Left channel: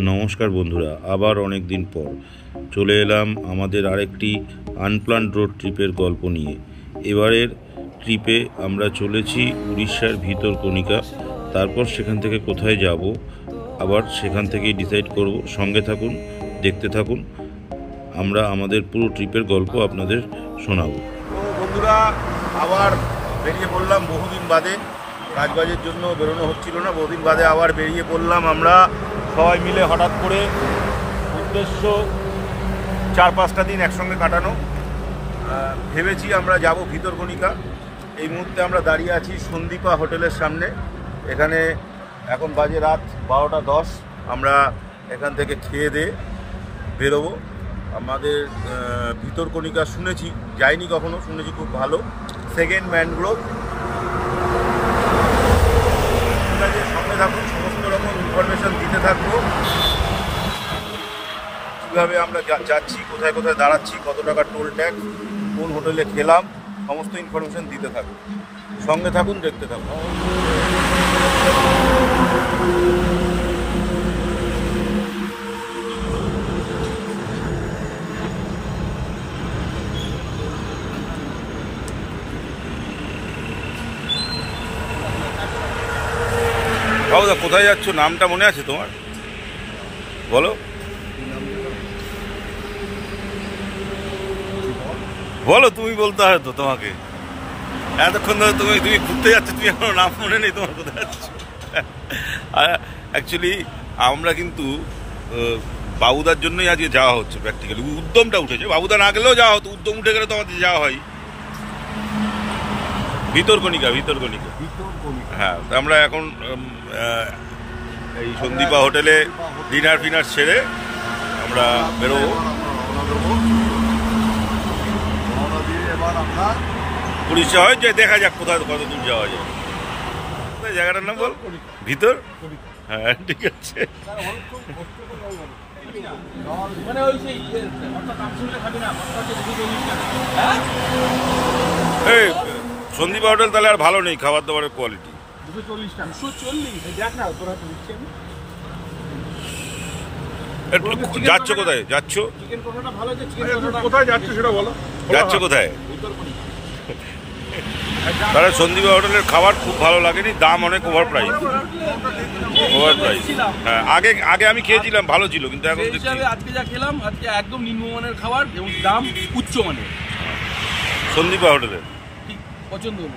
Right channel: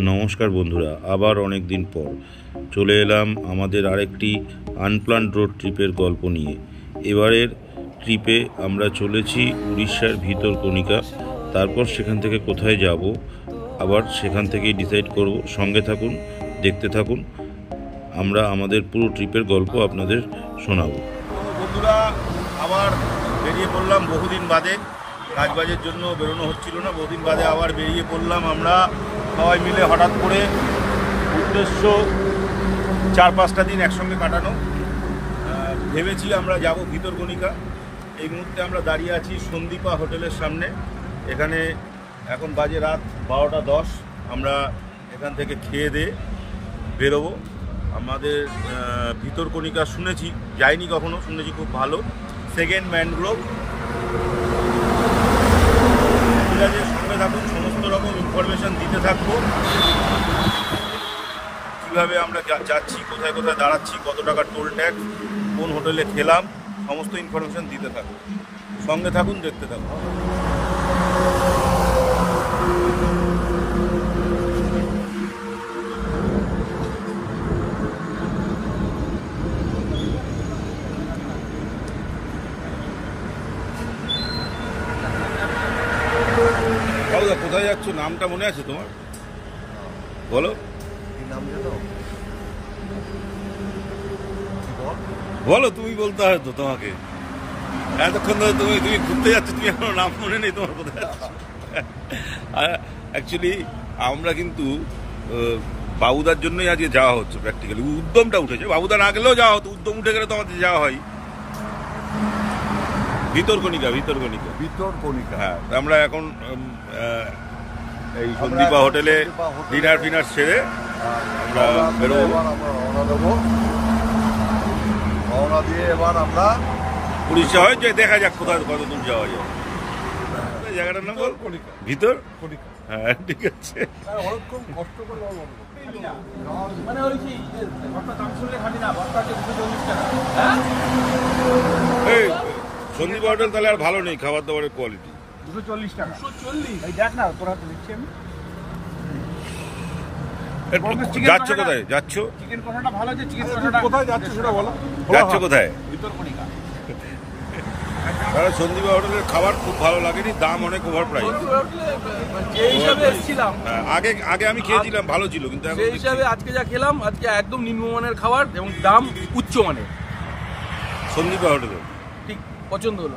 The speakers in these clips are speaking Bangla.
নমস্কার বন্ধুরা, আবার অনেক দিন পর চলে এলাম আমাদের আরেকটি আনপ্ল্যান্ড রোড ট্রিপের গল্প নিয়ে। এবারের ট্রিপে আমরা চলেছি উড়িষ্যার ভিতরকণিকা। তারপর সেখান থেকে কোথায় যাব আবার সেখান থেকেই ডিসাইড করব। সঙ্গে থাকুন, দেখতে থাকুন, আমরা আমাদের পুরো ট্রিপের গল্প আপনাদের শোনাবো। বন্ধুরা, আবার বেরিয়ে পড়লাম বহুদিন বাদে। কাজবাজের জন্য বেরোনো হচ্ছিল না, বহুদিন বাদে আবার বেরিয়ে পড়লাম আমরা সবাই মিলে। হঠাৎ করে উদ্দেশ্য 4-5টা দিন একসঙ্গে কাটানো। ভেবেছি আমরা যাব ভিতরকণিকা। এই মুহূর্তে আমরা দাঁড়িয়ে আছি সন্দীপা হোটেলের সামনে। এখানে এখন বাজে রাত 12টা 10। আমরা এখান থেকে খেয়ে দিয়ে বেরোবো। আমাদের ভিতরকণিকা শুনেছি, যাইনি কখনো, শুনেছি খুব ভালো। Second mangrove. ঠিক আছে, সঙ্গে থাকুন, সমস্ত রকম ইনফরমেশান দিতে থাকবো। কীভাবে আমরা যাচ্ছি, কোথায় কোথায় দাঁড়াচ্ছি, কত টাকা টোল ট্যাক্স, কোন হোটেলে খেলাম, সমস্ত ইনফরমেশান দিতে থাকবো। সঙ্গে থাকুন, দেখতে থাকুন। বাবুদা, কোথায় যাচ্ছ? নামটা মনে আছে তোমার? বলো। বলো, তুমি বলতে হয় তো তোমাকে। এতক্ষণ ধরে তুমি ঘুরতে যাচ্ছ, তুমি এখনো নাম মনে নেই তোমার কোথায় যাচ্ছ। অ্যাকচুয়ালি আমরা কিন্তু বাবুদার জন্যই আজকে যাওয়া হচ্ছে। প্র্যাকটিক্যালি উদ্যমটা উঠেছে। বাবুদা না গেলেও যাওয়া হতো, উদ্যম উঠে গেলে তো আমাদের যাওয়া হয়। ভিতরকণিকা। হ্যাঁ, আমরা এখন এই সন্দীপা হোটেলে ডিনার ফিনার সেরে আমরা বেরোবো। এবার আমরা উড়িষ্যা হয় যে দেখা যাক কোথায় কত দূর যাওয়া যায়। জায়গাটার নাম বল। ভিতর। হ্যাঁ, ঠিক আছে। এই সন্দীপা হোটেল তাহলে আর ভালো নেই, খাবার দাবারের কোয়ালিটি। 240 টাকা। 240 দেখ না, তোরা তো দিচ্ছি আমি। যাচ্ছ কোথায়? যাচ্ছ চিকেন কষাটা ভালো আছে। চিকেন কষাটা কোথায় যাচ্ছ সেটা বলো। যাচ্ছ কোথায়? ভিতরকণিকা। তাহলে সন্দীপা হোটেলের খাবার খুব ভালো লাগেনি, দাম অনেক ওভার প্রাইস। হ্যাঁ, আগে আমি খেয়েছিলাম, ভালো ছিল, কিন্তু এখন আজকে যা খেলাম, আজকে একদম নিম্নমানের খাবার এবং দাম উচ্চমানের। সন্দীপা হোটেলে ঠিক পছন্দ হলো।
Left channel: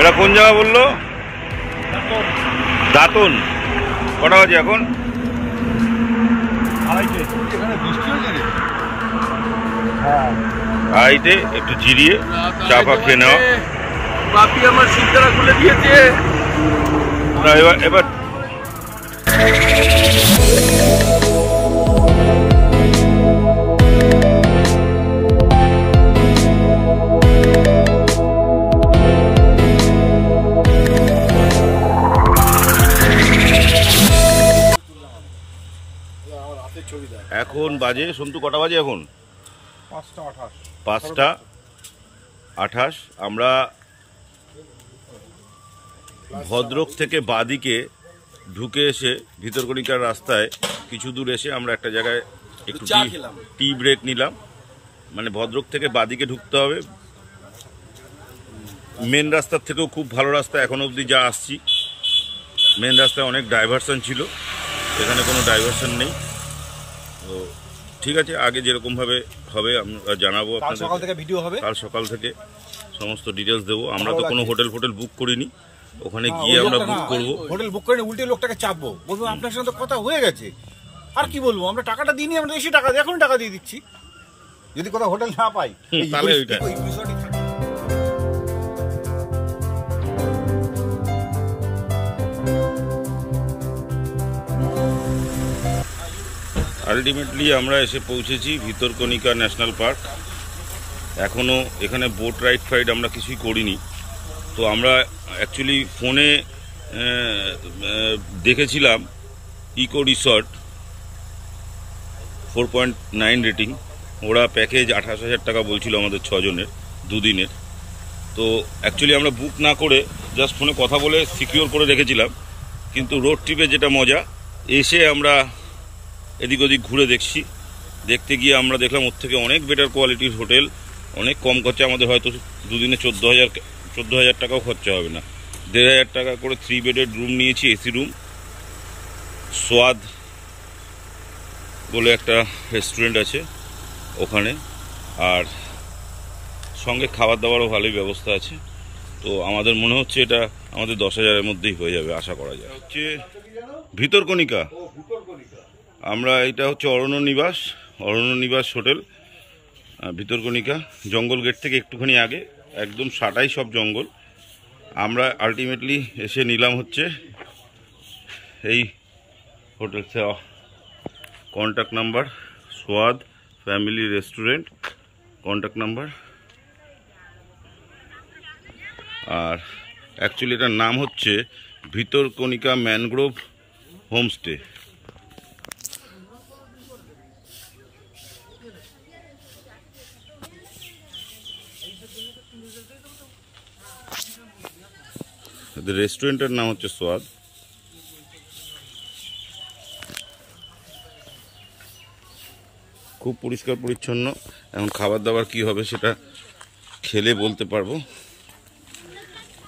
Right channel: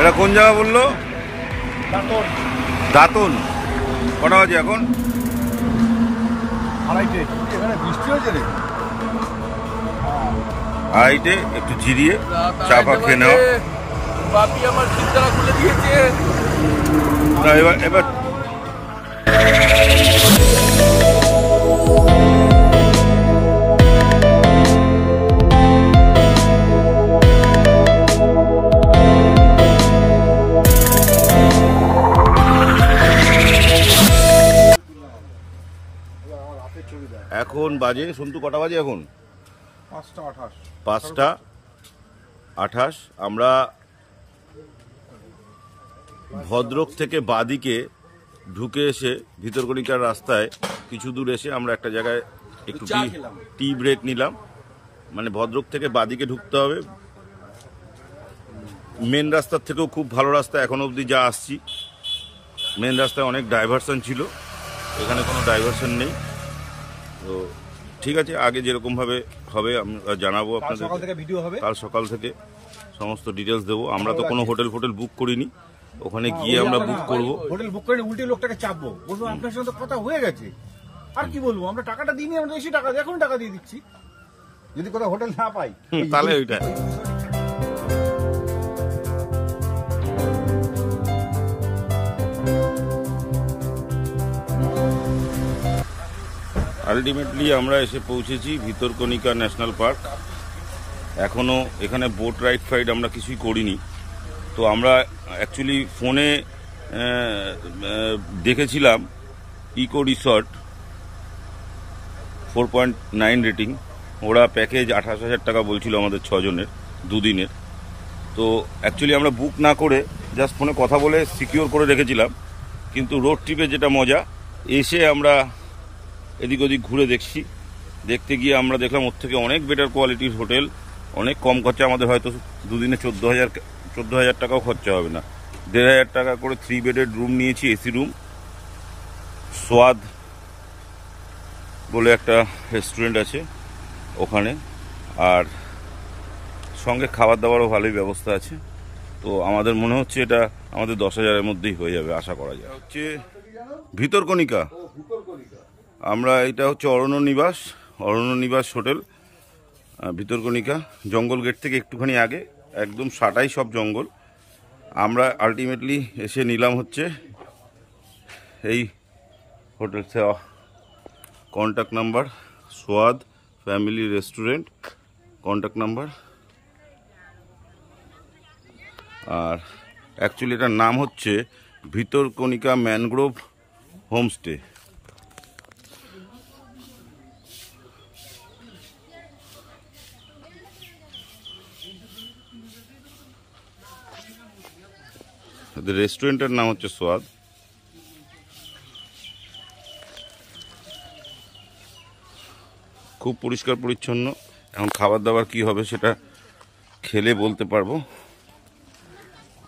এটা কোন জায়গা বললো? দাঁতন। কটা বাজে এখন? 2:30। এখানে বৃষ্টি হয়েছে রে। হ্যাঁ, 2:30 একটু জিরিয়ে চা ফা খেয়ে নেওয়া। বাকি আমার সিটটা খুলে দিয়েছে। না, এবার এখন বাজে সন্তু, কটা বাজে এখন? 5:28। আমরা ভদ্রক থেকে বাদিকে ঢুকে এসে ভিতরকণিকার রাস্তায় কিছু দূর এসে আমরা একটা জায়গায় একটু টি ব্রেক নিলাম। মানে ভদ্রক থেকে বাদিকে ঢুকতে হবে। মেন রাস্তার থেকেও খুব ভালো রাস্তা এখন অবধি যা আসছি। মেন রাস্তায় অনেক ডাইভারশন ছিল, এখানে কোনো ডাইভারশন নেই। তো ঠিক আছে, আগে যেরকমভাবে হবে আমরা জানাবো আপনাদের। সকাল থেকে ভিডিও হবে, কাল সকাল থেকে সমস্ত ডিটেলস দেবো। আমরা তো কোনো হোটেল বুক করিনি, ওখানে গিয়ে আমরা বুক করব। হোটেল বুক করে উল্টে লোকটাকে চাপবো, বলবো আপনার সঙ্গে তো কথা হয়ে গেছে, আর কি বলবো, আমরা টাকাটা দিইনি, আমরা এসে টাকা এখন টাকা দিয়ে দিচ্ছি, যদি কোথাও হোটেল না পাই তাহলে ওইটা। আলটিমেটলি আমরা এসে পৌঁছেছি ভিতরকণিকা ন্যাশনাল পার্ক। এখনও এখানে বোট রাইড আমরা কিছুই করিনি। তো আমরা অ্যাকচুয়ালি ফোনে দেখেছিলাম ইকো রিসর্ট 4.9 রেটিং, ওরা প্যাকেজ 28,000 টাকা বলছিল আমাদের 6 জনের 2 দিনের। তো অ্যাকচুয়ালি আমরা বুক না করে জাস্ট ফোনে কথা বলে সিকিওর করে রেখেছিলাম। কিন্তু রোড ট্রিপে যেটা মজা, এসে আমরা এদিক ওদিক ঘুরে দেখতে গিয়ে আমরা দেখলাম ওর থেকে অনেক বেটার কোয়ালিটির হোটেল, অনেক কম খরচা। আমাদের হয়তো 2 দিনে 14,000 টাকাও খরচা হবে না। 1,500 টাকা করে 3 বেডের রুম নিয়েছি, এসি রুম। সোয়াদ বলে একটা রেস্টুরেন্ট আছে ওখানে, আর সঙ্গে খাবার দাবারও ভালোই ব্যবস্থা আছে। তো আমাদের মনে হচ্ছে এটা আমাদের 10,000-এর মধ্যেই হয়ে যাবে, আশা করা যায়। হচ্ছে ভিতরকণিকা, আমরা এটা হচ্ছে অরণ্য নিবাস হোটেল, ভিতরকণিকা। জঙ্গল গেট থেকে একটুখানি আগে, একদম সাটাই সব জঙ্গল। আমরা আলটিমেটলি এসে নিলাম হচ্ছে এই hotel. Contact number Swad family restaurant, contact number. আর অ্যাকচুয়ালি এটার নাম হচ্ছে ভিতরকণিকা ম্যানগ্রোভ হোমস্টে। রেস্টুরেন্টের নাম হচ্ছে সোয়াদ। খুব পরিষ্কার পরিচ্ছন্ন। এখন খাবার দাবার কি হবে সেটা খেলে বলতে পারবো।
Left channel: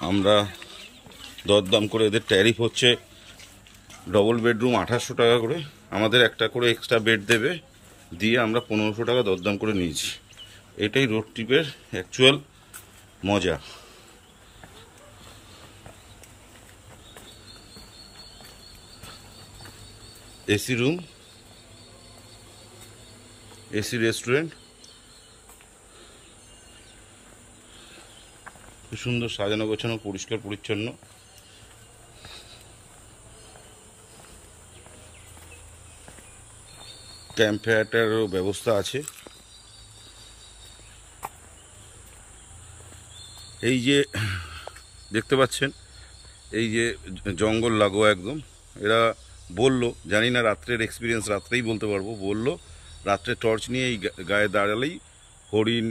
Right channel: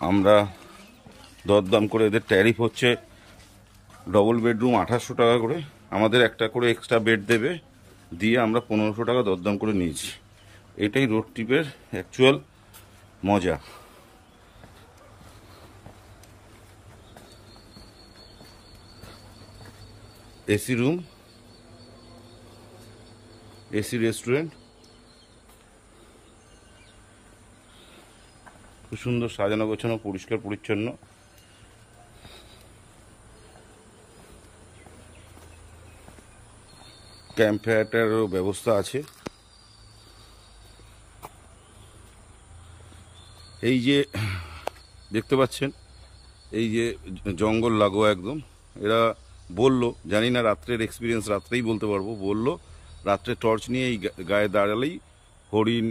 আমরা দরদাম করে, এদের ট্যারিফ হচ্ছে ডবল বেডরুম 2800 টাকা করে, আমাদের একটা করে এক্সট্রা বেড দেবে, দিয়ে আমরা 1500 টাকা দরদাম করে নিয়েছি। এটাই রোড ট্রিপের অ্যাকচুয়াল মজা। এসি রুম, এসি রেস্টুরেন্ট, খুব সুন্দর সাজানো গোছানো, পরিষ্কার পরিচ্ছন্ন। ক্যাম্প ফায়ারেরও ব্যবস্থা আছে। এই যে দেখতে পাচ্ছেন, এই যে জঙ্গল লাগোয়া একদম। এরা বললো, জানি না রাত্রের এক্সপিরিয়েন্স, রাত্রেই বলতে পারবো, বললো রাত্রে টর্চ নিয়ে এই গায়ে দাঁড়ালেই হরিণ,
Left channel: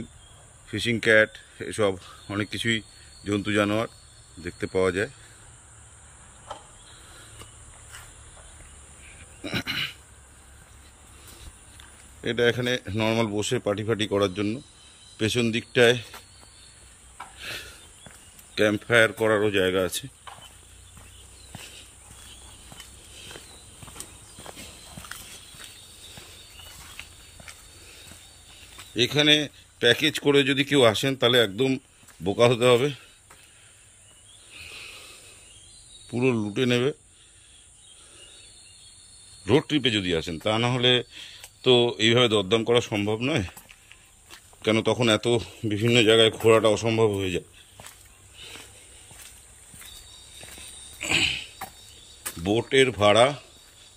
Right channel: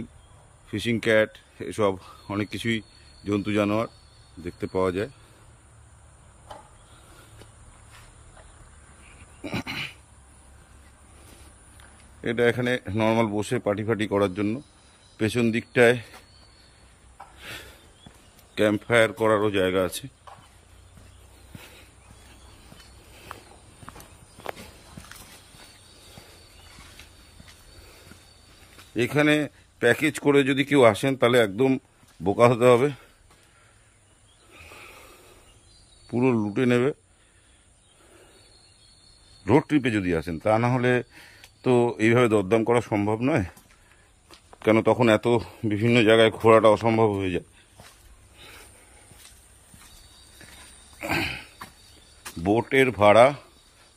ফিশিং ক্যাট, এসব অনেক কিছুই জন্তু জানোয়ার দেখতে পাওয়া যায়। এটা এখানে নর্মাল বসে পার্টি ফাটি করার জন্য। পেছন দিকটায় ক্যাম্প ফায়ার করারও জায়গা আছে। এখানে প্যাকেজ করে যদি কেউ আসেন তাহলে একদম বোকা হতে হবে, পুরো লুটে নেবে রোড ট্রিপে যদি আসেন। তা না হলে তো এইভাবে দরদাম করা সম্ভব নয়, কেন তখন এত বিভিন্ন জায়গায় ঘোরাটা অসম্ভব হয়ে যায়। বোটের ভাড়া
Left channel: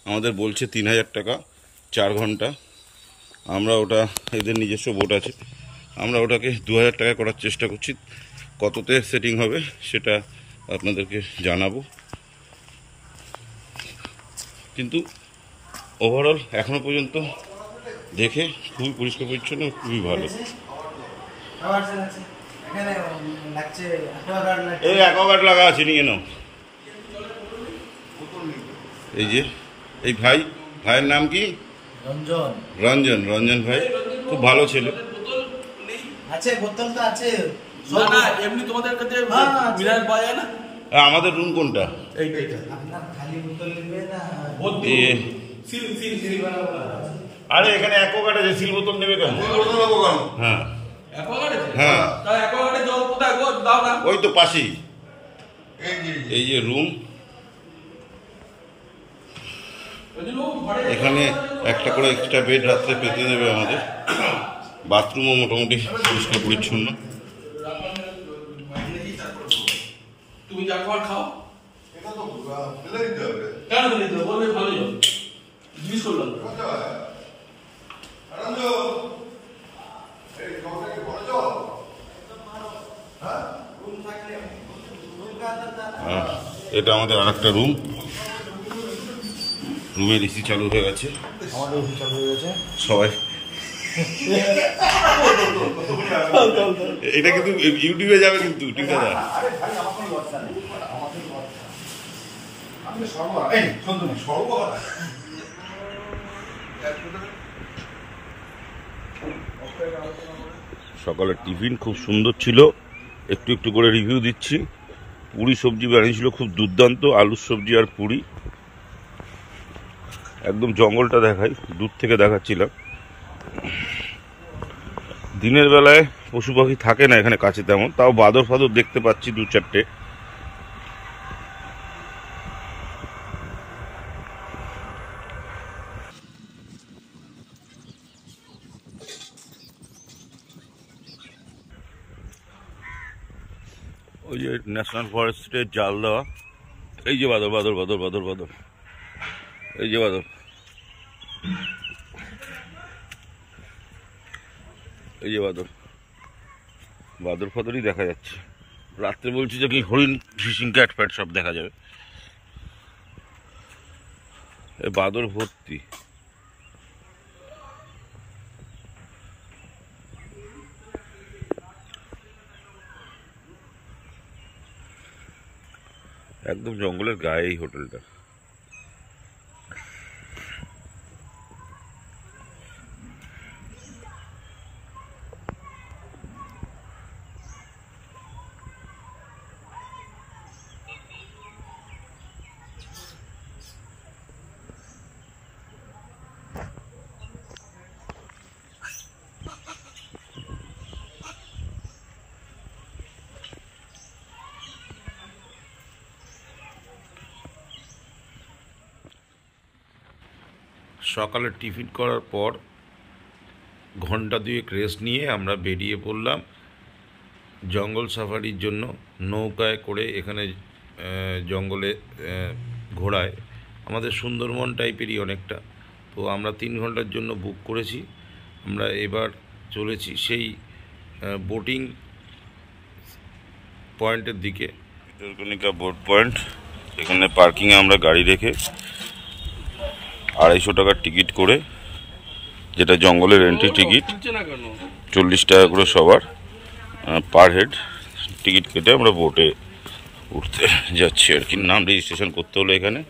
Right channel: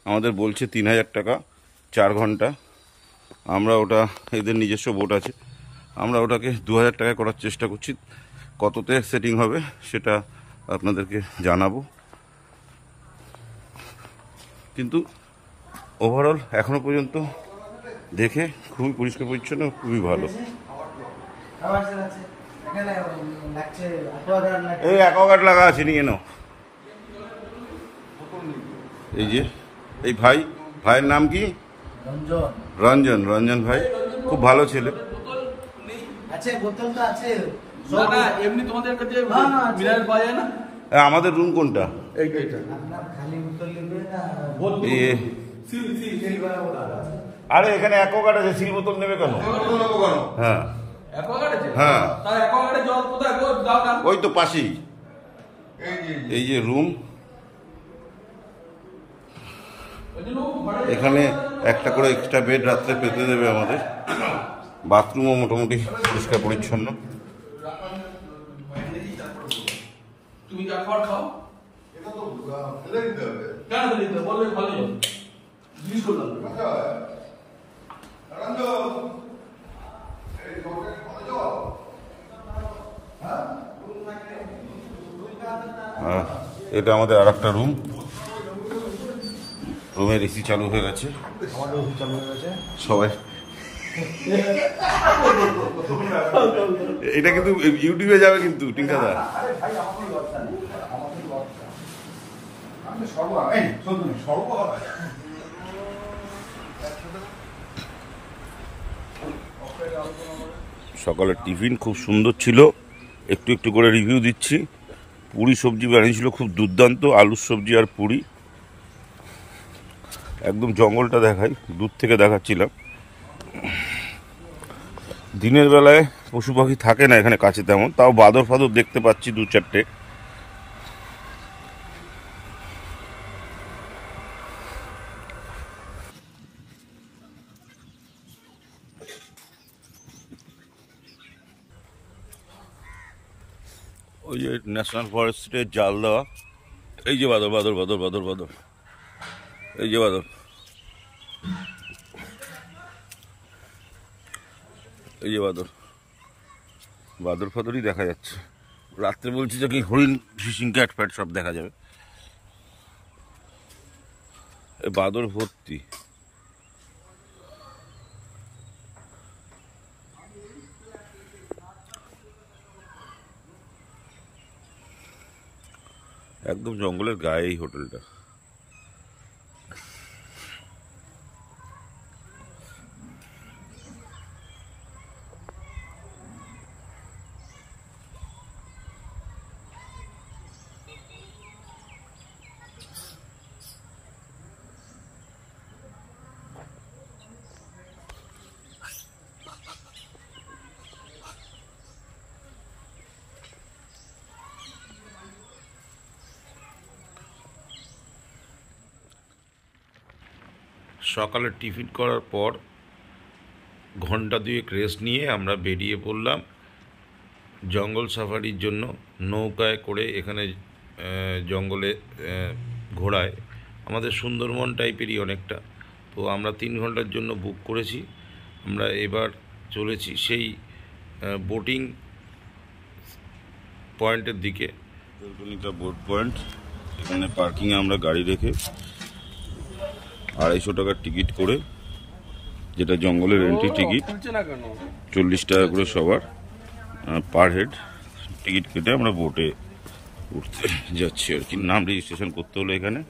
আমাদের বলছে 3,000 টাকা 4 ঘন্টা। আমরা ওটা, এদের নিজস্ব বোট আছে, আমরা ওটাকে 2,000 টাকা করার চেষ্টা করছি। কততে সেটিং হবে সেটা আপনাদেরকে জানাবো। কিন্তু ওভারঅল এখনো পর্যন্ত দেখে খুবই পরিষ্কার পরিচ্ছন্ন, খুবই ভালো। এই অ্যাকোয়াগার্ড লাগা আছে, নিয়ে নাও। এই যে এই ভাইয়ের নাম কি? রঞ্জন ভাই, খুব ভালো ছেলে। আমাদের রুম কোনটা? আরে এখানে অ্যাকোয়াগার্ড আছে, সিল বোতল নেবে কেন? হ্যাঁ হ্যাঁ, ওই তো পাশেই। এই যে রুম, এখানে একটা করে এক্সট্রা বেড রাত্রে পেতে দেবে আমাদের। বাথরুমও মোটামুটি পরিষ্কার পরিচ্ছন্ন। তুমি যা খাবার খাও, কেন দিতে হবে? বলবে ভালোই হবে, জিজ্ঞেস করলাম। আর এটা আমাদের আর একটা রুম, রুমের এসি চালু হয়ে গেছে সবাই। এটা কিন্তু ইউটিউবে যাবে কিন্তু টিঙ্কাদা। সকালের টিফিন খুব সুন্দর ছিল, একটু একটু করে রিভিউ দিচ্ছি। পুরি সবজি বানিয়েছিল খুব দুর্দান্ত, আলুর সবজি আর পুরি। একদম জঙ্গলটা দেখাই, দূর থেকে দেখাচ্ছিলাম। দিনের বেলায় পশু পাখি থাকে না এখানে কাছে তেমন, তাও বাদর ফাদর দেখতে পাচ্ছি 2-4টে। ওই যে ন্যাশনাল ফরেস্টের জাল দেওয়া, এই যে বাদর বাদর বাদর বাদর বাদর, এই যে বাদর, এই যে বাদর, বাদর ফাদরই দেখা যাচ্ছে। রাত্রে বলছি যে কি হরিণ, ফিশিং ক্যাট ফ্যাট সব দেখা যাবে। এই বাদর ভর্তি। একদম জঙ্গলের গায়ে এই হোটেলটা। সকালে টিফিন করার পর ঘন্টা 2 রেস্ট নিয়ে আমরা বেরিয়ে পড়লাম জঙ্গল সাফারির জন্য। নৌকায় করে এখানে জঙ্গলে ঘোরায়, আমাদের সুন্দরবন টাইপেরই অনেকটা। তো আমরা 3 ঘন্টার জন্য বুক করেছি। আমরা এবার চলেছি সেই বোটিং পয়েন্টের দিকে, ভিতরকণিকা বোট পয়েন্ট। এখানে পার্কিংয়ে আমরা গাড়ি রেখে 250 টাকার টিকিট করে, যেটা জঙ্গলের এন্ট্রি টিকিট, 40 টাকা করে সবার পার হেড টিকিট কেটে আমরা বোটে উঠতে যাচ্ছি আর কি। নাম রেজিস্ট্রেশন করতে হলো এখানে।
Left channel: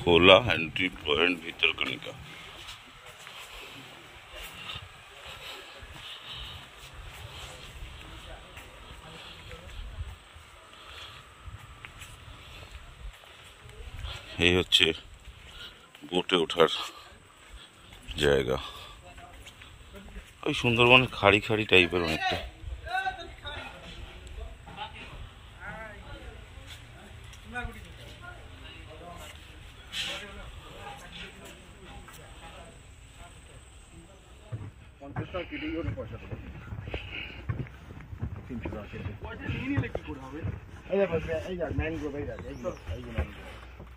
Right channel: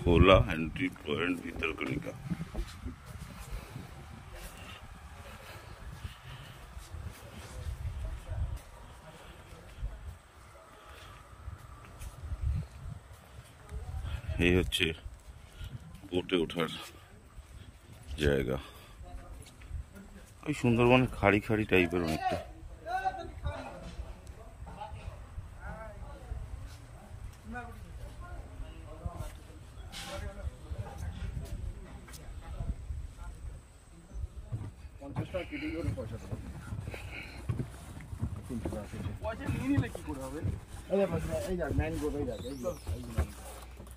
খোলা এন্ট্রি পয়েন্ট ভিতরকণিকা। এই হচ্ছে বোটে ওঠার জায়গা। ওই সুন্দরবনের খাড়ি খাড়ি টাইপের অনেকটা।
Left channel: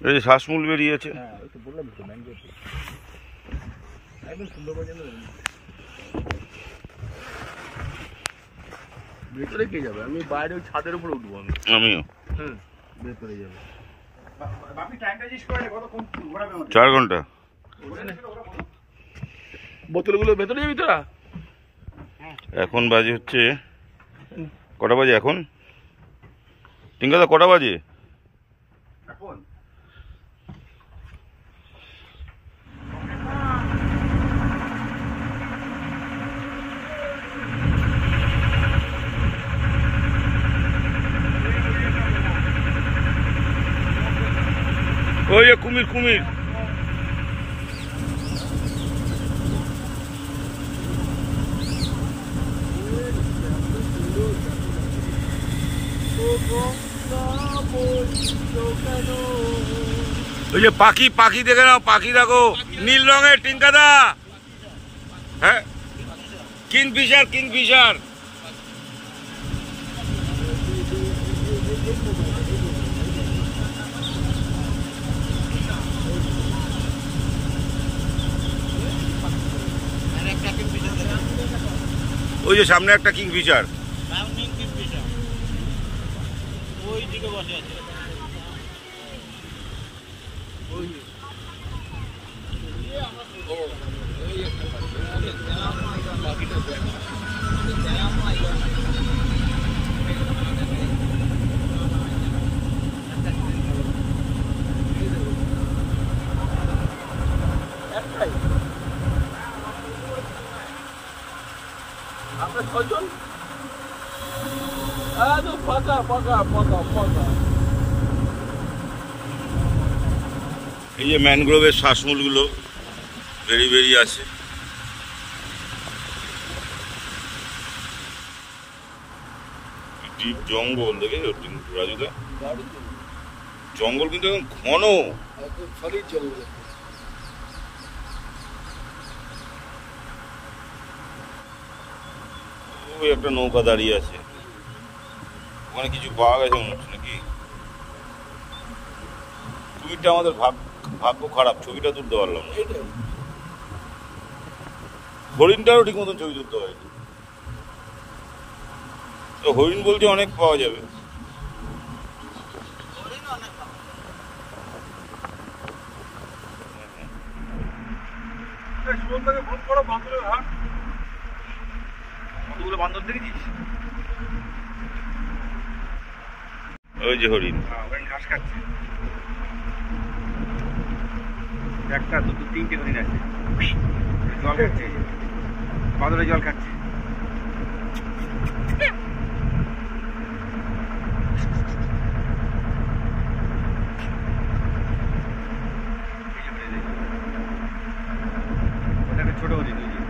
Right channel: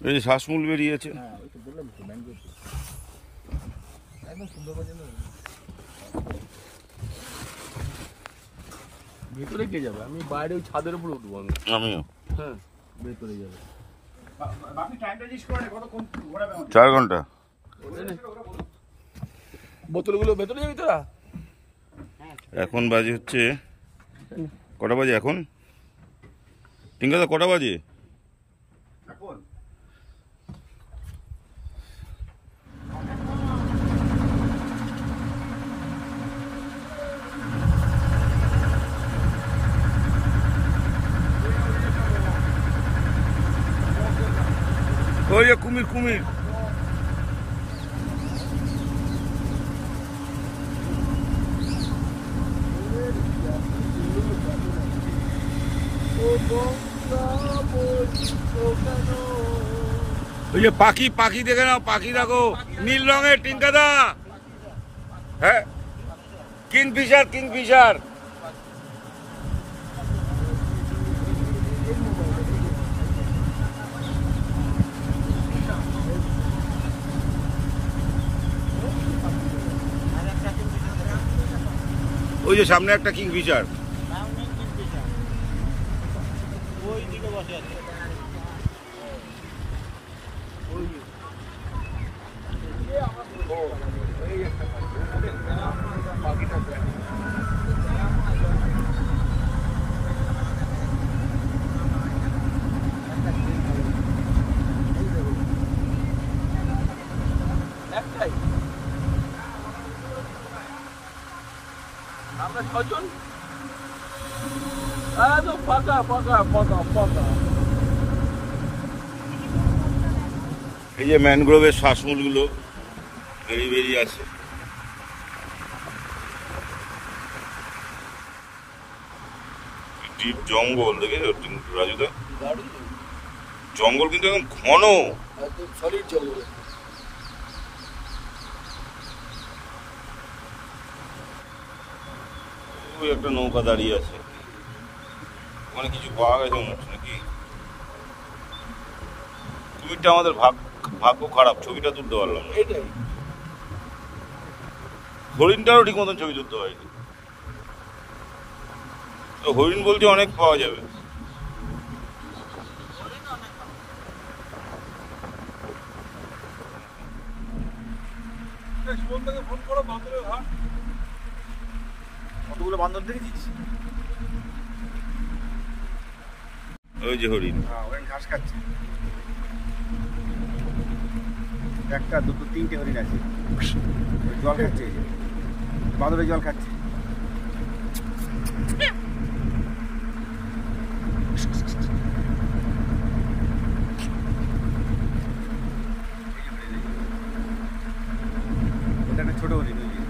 এই যে শ্বাসমূল বেরিয়েছে। ভেতরে কে যাবে? আমি বাইরে ওই ছাদের উপরে উঠবো। আমিও। হ্যাঁ, ভেতরে যাবে। 4 ঘন্টা। বোতলগুলো ভেতরে যাবি তোরা? এখন বাজে হচ্ছে কটা বাজে এখন? টিঙ্কাদা কটা বাজে? কুমির কুমির। ওই যে পাখি, পাখি দেখে নাও, পাখি দেখো, নীল রঙের টিনকাদা। হ্যাঁ, কিংফিশার, কিংফিশার। ওই যে সামনে একটা কিংফিশার। এই যে ম্যানগ্রোভের শ্বাসমূলগুলো বেরিয়ে আছে। ডিপ জঙ্গল দেখেছো রাজুদা, জঙ্গল কিন্তু একদম ঘন। ওই একটা নৌকা দাঁড়িয়ে আছে, ওখানে কিছু পাওয়া গেছে মনে হচ্ছে নাকি। কুমিরটা আমাদের ভাগ্য খারাপ, ছবিটা তুলতে পারলাম না। হরিণটারও ঠিক মতন ছবি তুলতে হয়নি। হরিণ বলতে অনেক পাওয়া যাবে। কতগুলো বান্দর দেখেছিস? ওই যে হরিণ, হরিণ ঘাস খাচ্ছে। একটা দুটো তিনটে হরিণ আছে, জল খাচ্ছে, বাদরে জল খাচ্ছে। ওটা একটা ছোট হরিণ, ওই যে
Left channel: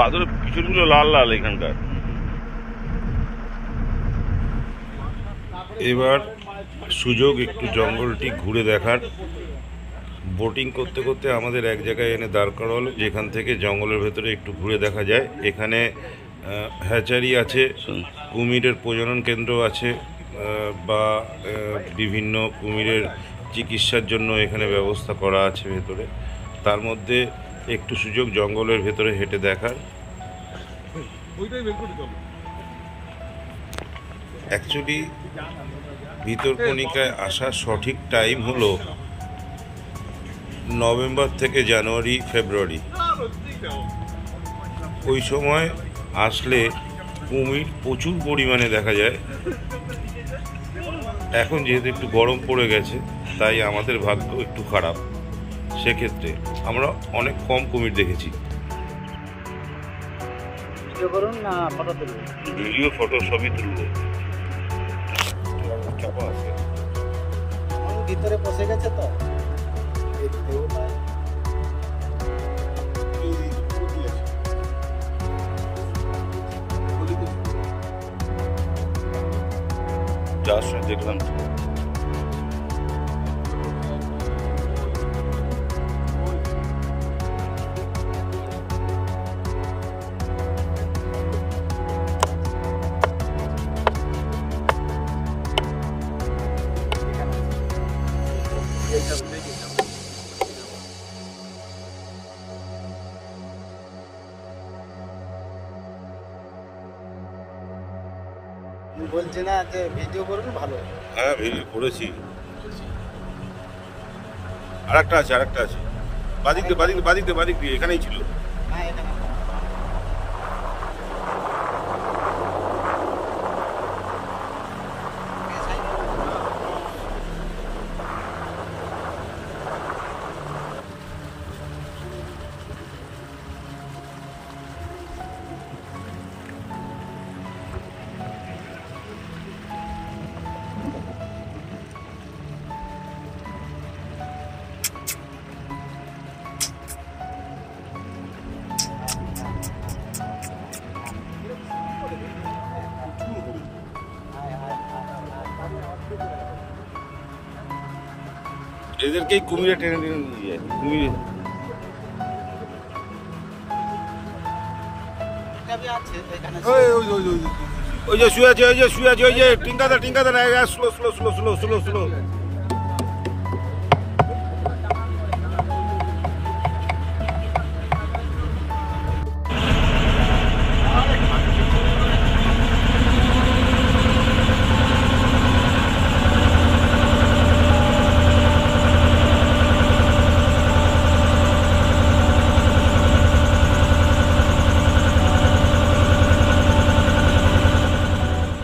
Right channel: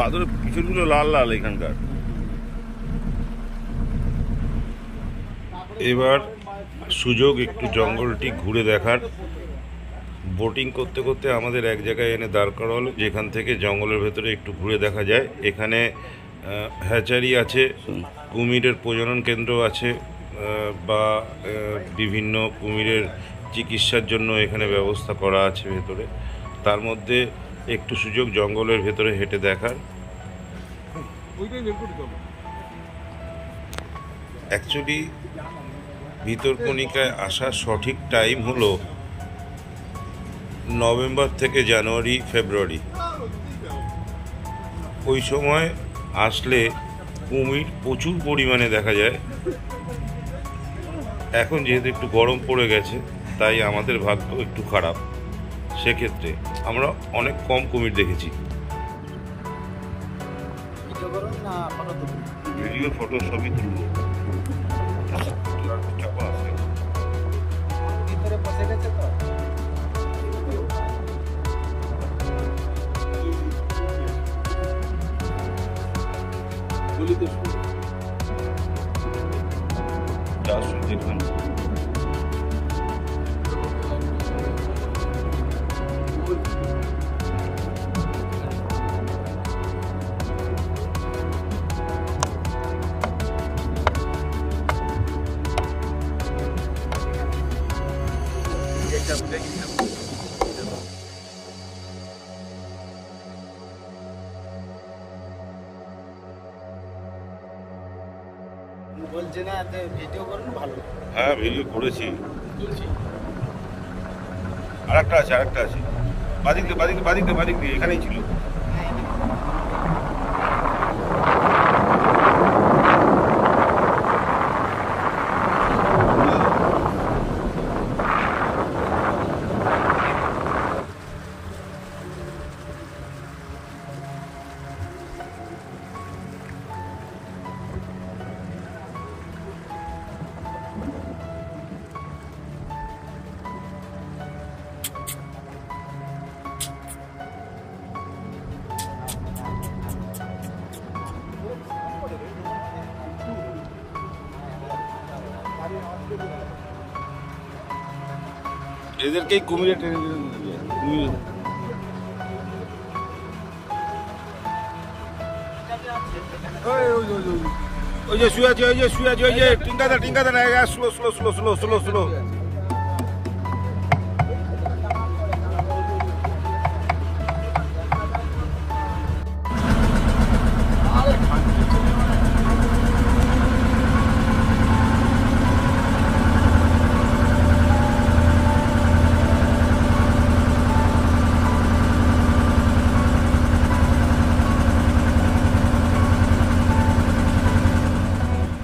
বাদরের পিছনগুলো লাল লাল এখানকার। এবার সুযোগ একটু জঙ্গলটি ঘুরে দেখার। বোটিং করতে করতে আমাদের এক জায়গায় এনে দাঁড় করা হলো, যেখান থেকে জঙ্গলের ভেতরে একটু ঘুরে দেখা যায়। এখানে হ্যাচারি আছে, কুমিরের প্রজনন কেন্দ্র আছে, বা বিভিন্ন কুমিরের চিকিৎসার জন্য এখানে ব্যবস্থা করা আছে ভেতরে। তার মধ্যে একটু সুযোগ জঙ্গলের ভেতরে হেঁটে দেখার। অ্যাকচুয়ালি ভিতরকণিকায় আসার সঠিক টাইম হলো নভেম্বর থেকে জানুয়ারি ফেব্রুয়ারি। ওই সময় আসলে কুমির প্রচুর পরিমাণে দেখা যায়। এখন যেহেতু একটু গরম পড়ে গেছে, তাই আমাদের ভাগ্য একটু খারাপ। সেক্ষেত্রে আমরা অনেক কম কুমির দেখেছি। ভিডিও ফটো সবই তুলব। চাপা আছে ভিতরে বসে গেছে তো। যার সাথে দেখলাম বলছে না যে ভিডিও করুন ভালো। হ্যাঁ, ভিডিও করেছি। আর একটা আছে বাদিক দিয়ে এখানেই ছিল। এদেরকেই কুমিরে টেনে টেনে নিয়ে যায় কুমিরে। ওই যে শুয়ে আছে, ওই যে শুয়ে আছে, ওই যে টিঙ্কাদার slow slow slow slow slow slow.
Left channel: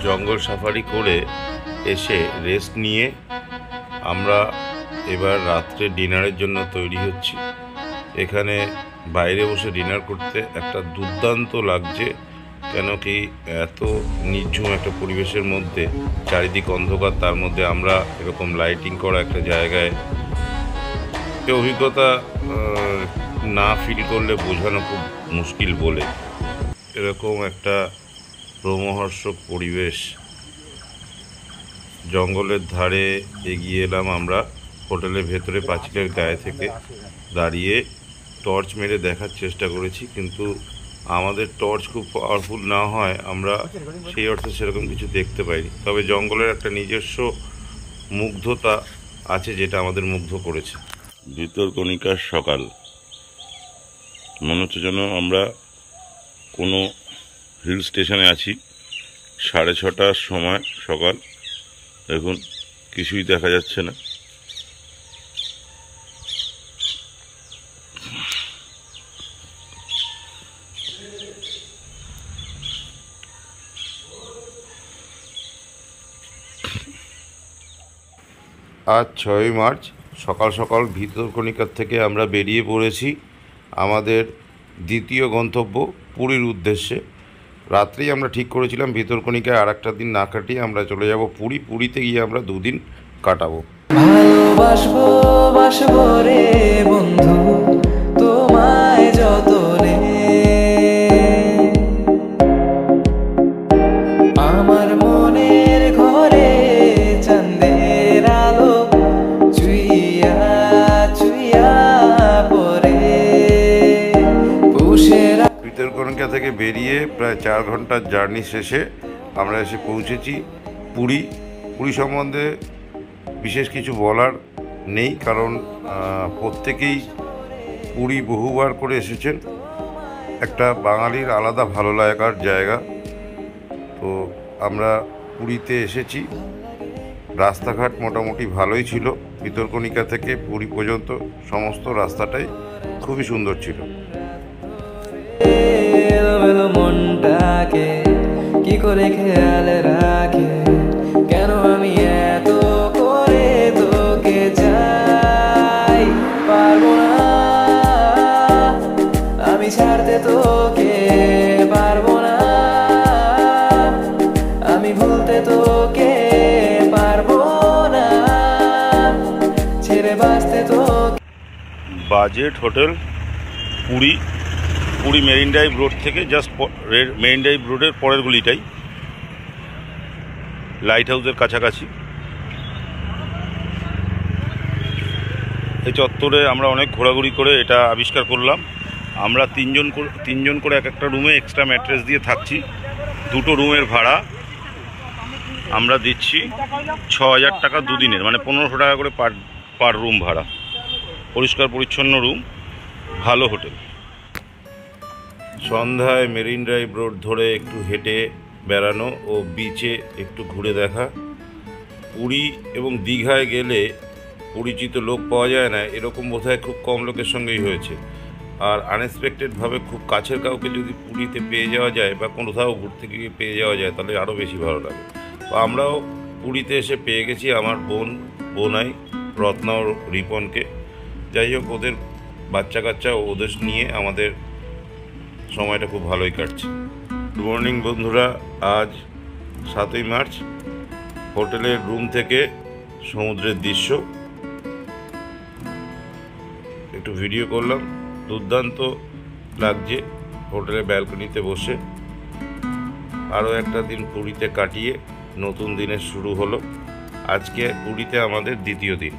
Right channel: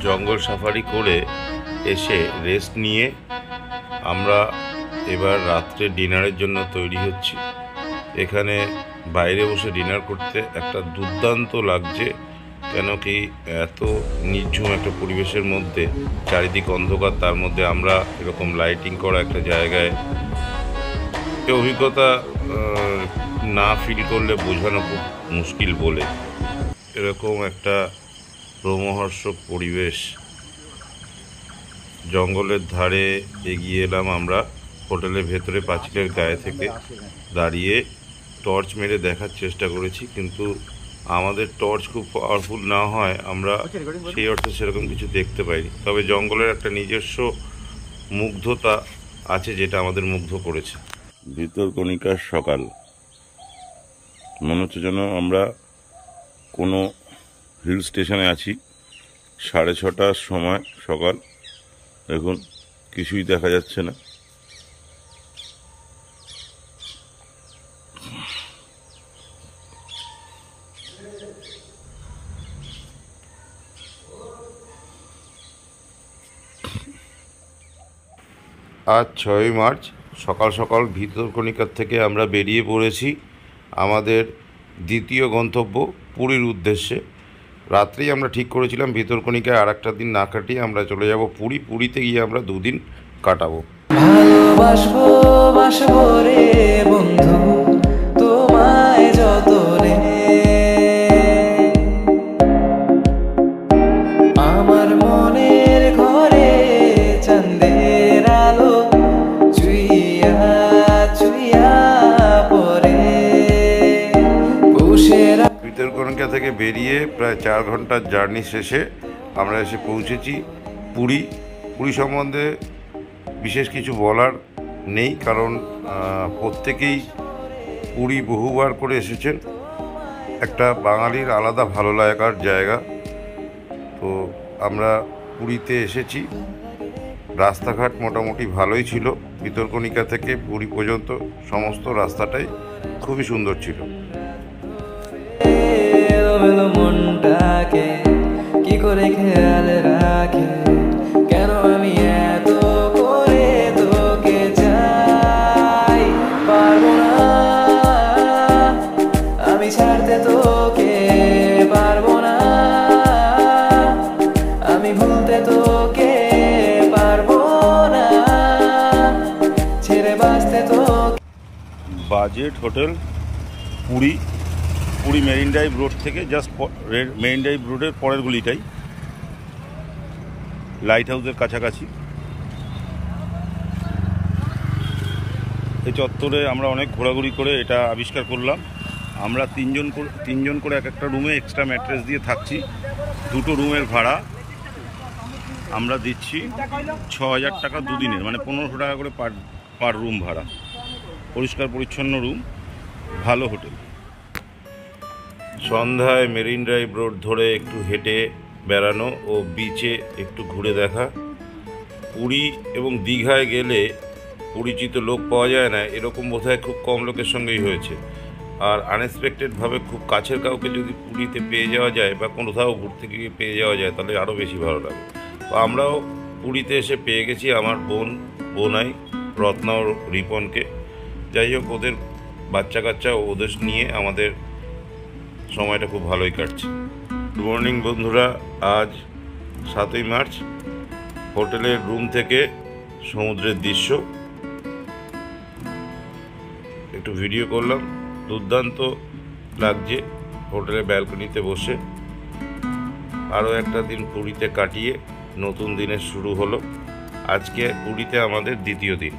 জঙ্গল সাফারি করে এসে রেস্ট নিয়ে আমরা এবার রাত্রে ডিনারের জন্য তৈরি হচ্ছি। এখানে বাইরে বসে ডিনার করতে একটা দুর্দান্ত লাগছে, কেন কি এত নির্ঝুম একটা পরিবেশের মধ্যে, চারিদিক অন্ধকার, তার মধ্যে আমরা এরকম লাইটিং করা একটা জায়গায়, এই অভিজ্ঞতা না ফিল করলে বোঝানো খুব মুশকিল বলে। এরকম একটা রোমহর্ষক পরিবেশ। জঙ্গলের ধারে এগিয়ে এলাম আমরা। হোটেলের ভেতরে পাঁচিলের গায়ে থেকে দাঁড়িয়ে টর্চ মেরে দেখার চেষ্টা করেছি, কিন্তু আমাদের টর্চ খুব পাওয়ারফুল না হয় আমরা সেই অর্থে সেরকম কিছু দেখতে পাইনি। তবে জঙ্গলের একটা নিজস্ব মুগ্ধতা আছে যেটা আমাদের মুগ্ধ করেছে। ভিতরকণিকার সকাল, মনে হচ্ছে যেন আমরা কোনো হিল স্টেশনে আছি। 6:30টার সময় সকাল, দেখুন কিছুই দেখা যাচ্ছে না। আজ 6ই মার্চ সকাল সকাল ভিতরকণিকার থেকে আমরা বেরিয়ে পড়েছি আমাদের দ্বিতীয় গন্তব্য পুরীর উদ্দেশ্যে। রাত্রেই আমরা ঠিক করেছিলাম ভিতরকণিকায় আর একটা দিন না কাটিয়ে আমরা চলে যাব পুরী। পুরীতে গিয়ে আমরা 2 দিন কাটাবো। ভালোবাসবো বাসবো রে বন্ধু তোমায় যতনে, আমার মনের ঘরে চাঁদের আলো চুইয়া চুইয়া পরে পুষের। ভিতরকণিকা থেকে বেরিয়ে প্রায় 4 ঘন্টার জার্নি শেষে আমরা এসে পৌঁছেছি পুরী। পুরী সম্বন্ধে বিশেষ কিছু বলার নেই, কারণ প্রত্যেকেই পুরী বহুবার করে এসেছেন। একটা বাঙালির আলাদা ভালো লাগার জায়গা। তো আমরা পুরীতে এসেছি। রাস্তাঘাট মোটামুটি ভালোই ছিল। ভিতরকণিকা থেকে পুরী পর্যন্ত সমস্ত রাস্তাটাই খুবই সুন্দর ছিল। মনটাকে কি করে খেয়াল রাখে, কেন আমি এত করে তোকে চাই, পারবো না আমি ছাড়তে তোকে, পারবো না আমি ভুলতে তোকে, পারবো না ছেড়ে বাঁচতে তোকে। Budget hotel Puri, Puri marine drive road থেকে জাস্ট মেরিন ড্রাইভ রোডের পরের গলিটাই, লাইট হাউসের কাছাকাছি। এই চত্বরে আমরা অনেক ঘোরাঘুরি করে এটা আবিষ্কার করলাম। আমরা তিনজন করে এক একটা রুমে এক্সট্রা ম্যাট্রেস দিয়ে থাকছি। 2টো রুমের ভাড়া আমরা দিচ্ছি 6,000 টাকা 2 দিনের, মানে 1500 টাকা করে পার রুম ভাড়া। পরিষ্কার পরিচ্ছন্ন রুম, ভালো হোটেল। সন্ধ্যায় মেরিন ড্রাইভ রোড ধরে একটু হেঁটে বেড়ানো ও বিচে একটু ঘুরে দেখা। পুরী এবং দীঘায় গেলে পরিচিত লোক পাওয়া যায় না, এরকম বোধহয় খুব কম লোকের সঙ্গেই হয়েছে। আর আনএক্সপেক্টেডভাবে খুব কাছের কাউকে যদি পুরীতে পেয়ে যাওয়া যায় বা কোথাও ঘুরতে গিয়ে পেয়ে যাওয়া যায় তাহলে আরও বেশি ভালো লাগে। তো আমরাও পুরীতে এসে পেয়ে গেছি আমার বোনাই রত্না ও রিপনকে। যাই হোক, ওদের বাচ্চা কাচ্চা ওদের নিয়ে আমাদের সময়টা খুব ভালোই কাটছে। গুড মর্নিং বন্ধুরা, আজ 7ই মার্চ। হোটেলের রুম থেকে সমুদ্রের দৃশ্য একটু ভিডিও করলাম। দুর্দান্ত লাগছে হোটেলের ব্যালকনিতে বসে। আরও একটা দিন পুরীতে কাটিয়ে নতুন দিনের শুরু হলো। আজকে পুরীতে আমাদের দ্বিতীয় দিন।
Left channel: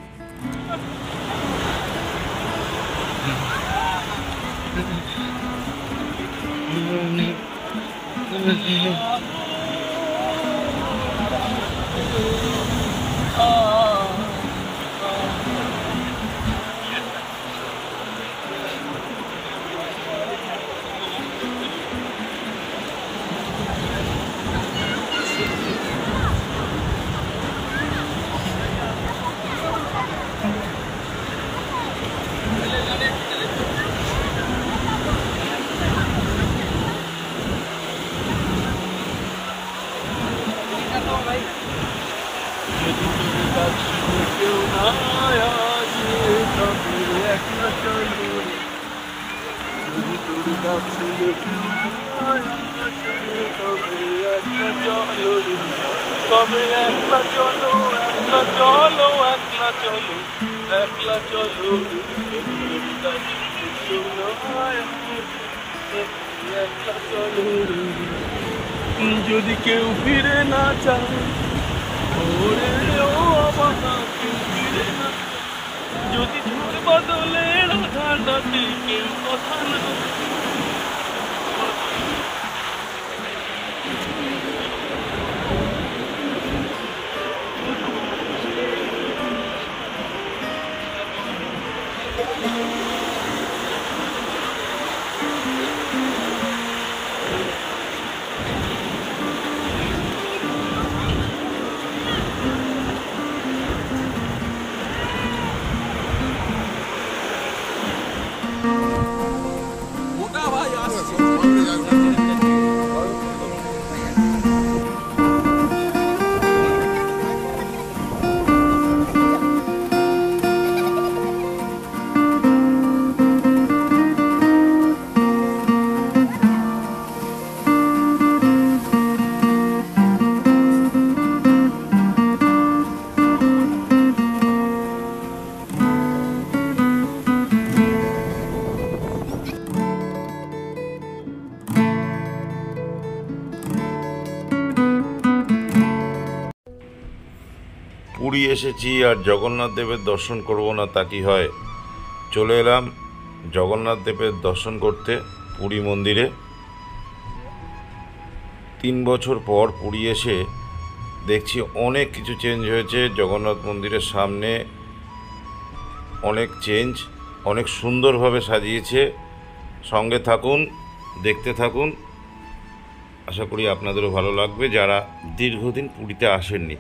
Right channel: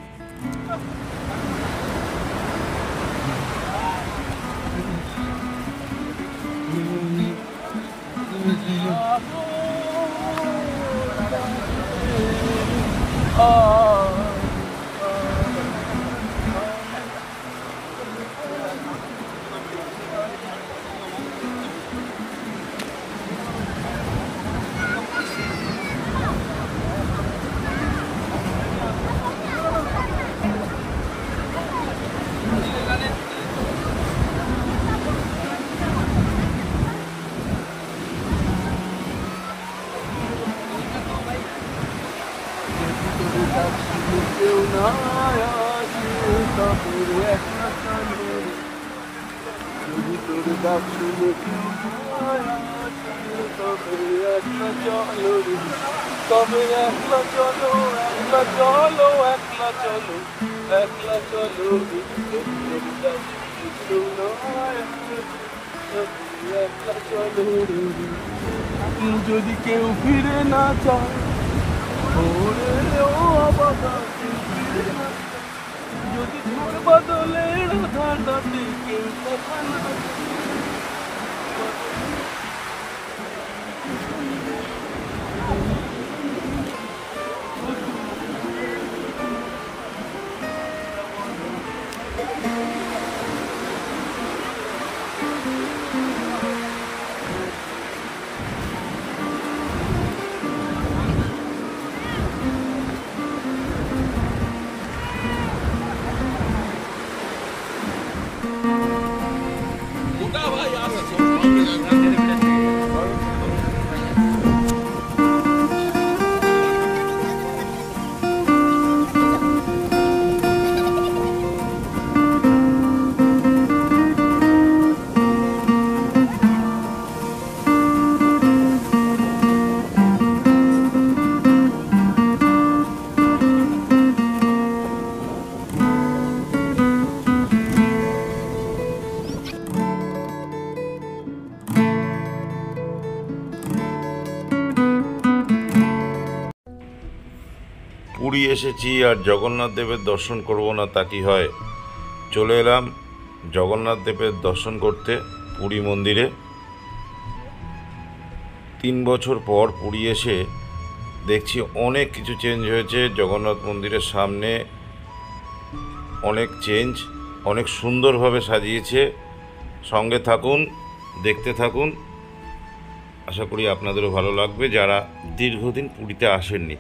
যদি কেউ ফিরে না চায়, যদি বদলে কেউ কথা না পুরী এসেছি আর জগন্নাথ দেবের দর্শন করব না তা কি হয়। চলে এলাম জগন্নাথ দেবের দর্শন করতে পুরী মন্দিরে। 3 বছর পর পুরী এসে দেখছি অনেক কিছু চেঞ্জ হয়েছে। জগন্নাথ মন্দিরের সামনে অনেক চেঞ্জ, অনেক সুন্দরভাবে সাজিয়েছে। সঙ্গে থাকুন, দেখতে থাকুন, আশা করি আপনাদেরও ভালো লাগবে যারা দীর্ঘদিন পুরীতে আসেননি।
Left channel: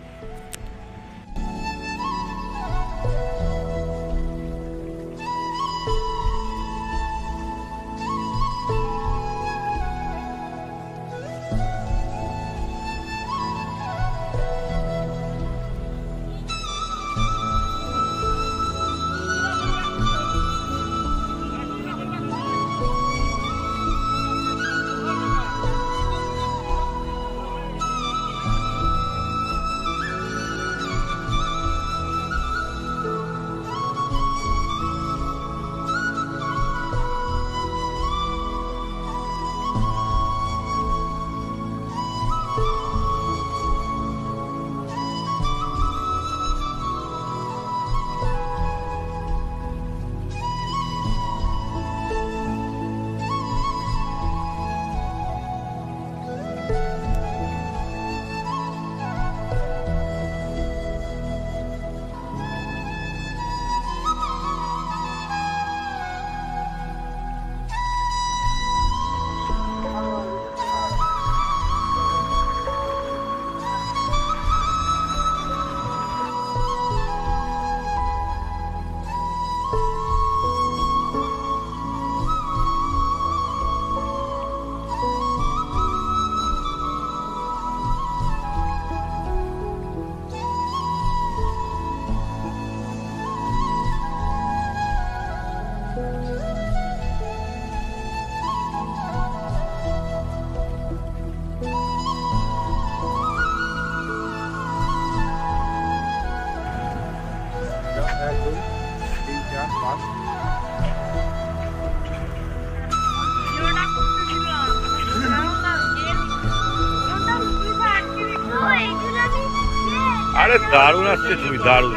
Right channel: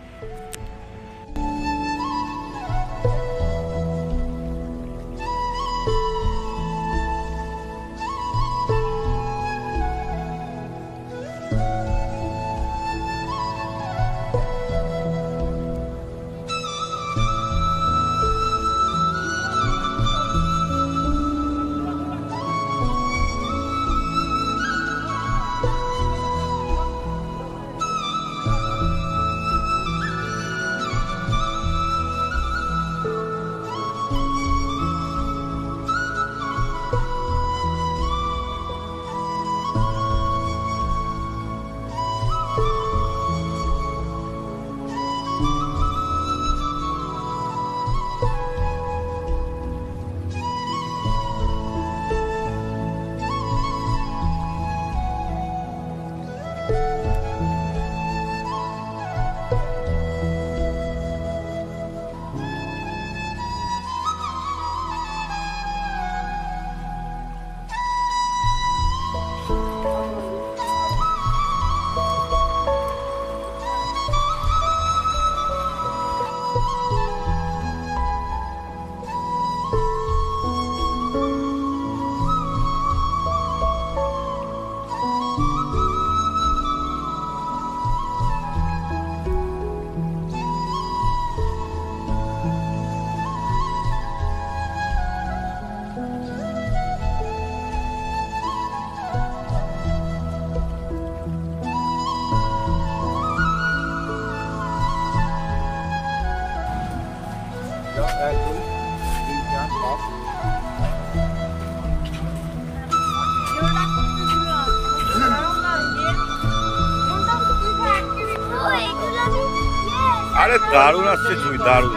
আরে দারুণ আসছে, তুমি দারুণ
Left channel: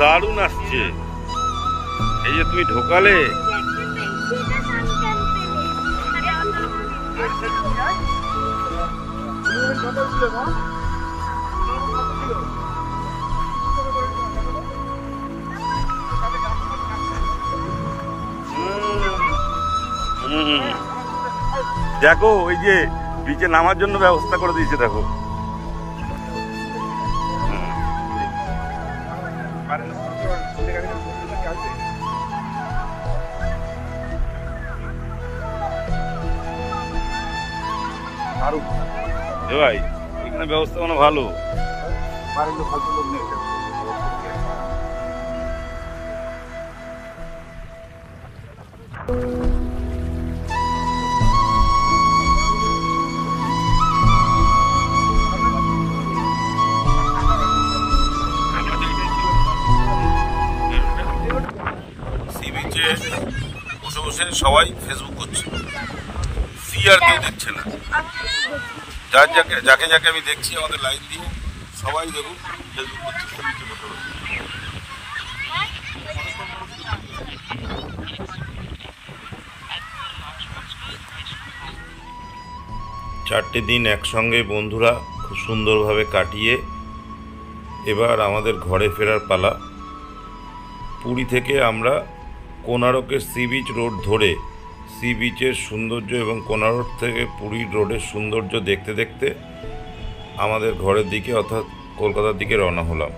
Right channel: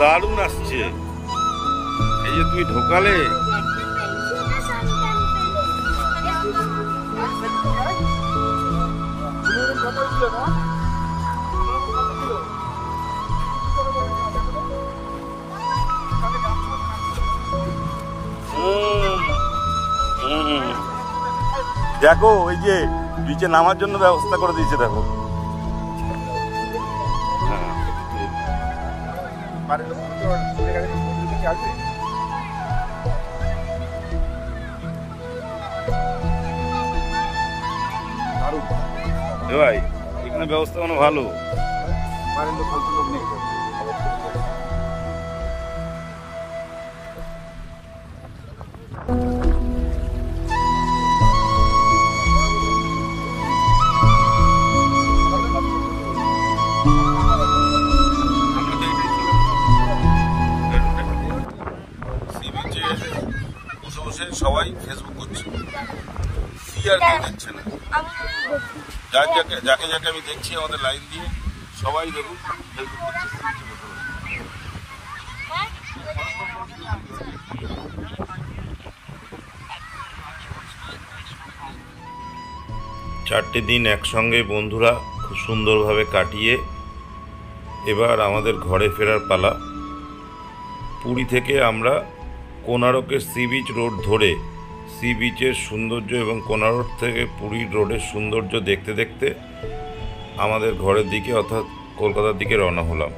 দারুণ আসছে। এই যে তুমি ঢোকালে, দেখো ওই যে বিচে নামার জন্য ব্যবস্থা করে দিয়েছে দেখো। ভাই এখানে ব্যবস্থা মানে ভালো। সি বিচে বসে বসে সবাই ফেসবুক করছে, সি আর কেউ দেখছে না। যাকে যাকে আমি দেখছি আমাদের লাইন দিয়ে সবাই দেখুন ফেসবুক করছে। 4টে দিন একসঙ্গে বন্ধুরা খুব সুন্দরভাবে কাটিয়ে এবার আমাদের ঘরে ফেরার পালা। পুরী থেকে আমরা কোনারকের সি বিচ রোড ধরে সি বিচের সৌন্দর্য এবং কোনারক থেকে পুরীর রোডের সৌন্দর্য দেখতে দেখতে আমাদের ঘরের দিকে অর্থাৎ কলকাতার দিকে রওনা হলাম।